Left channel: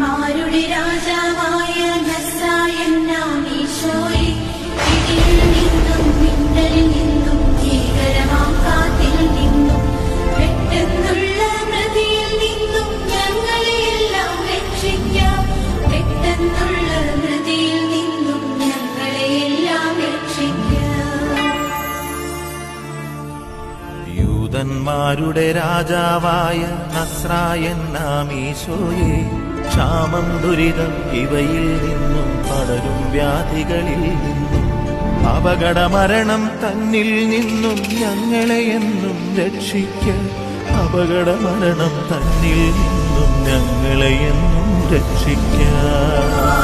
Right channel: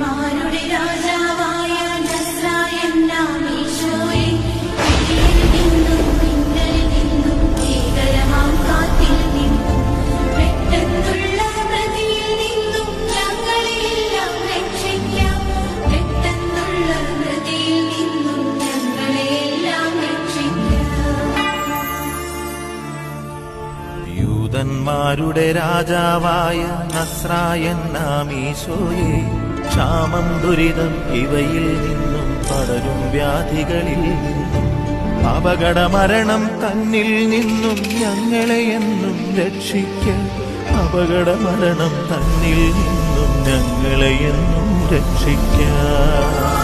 യൂദന്മാരുടെ രാജാവായ നസ്രായൻ നാം ഈശോയെ, ക്ഷാമം ദുരിതം ഇവയിൽ നിന്നും പടരും വ്യാധികളിൽ നിന്നും അപകടമരണം തന്നിൽ നിന്നും ഞങ്ങളെ എന്നും രക്ഷിക്ക. അപകടമരണം തന്നിൽ നിന്നും ഞങ്ങളെ എന്നും രക്ഷിക്ക.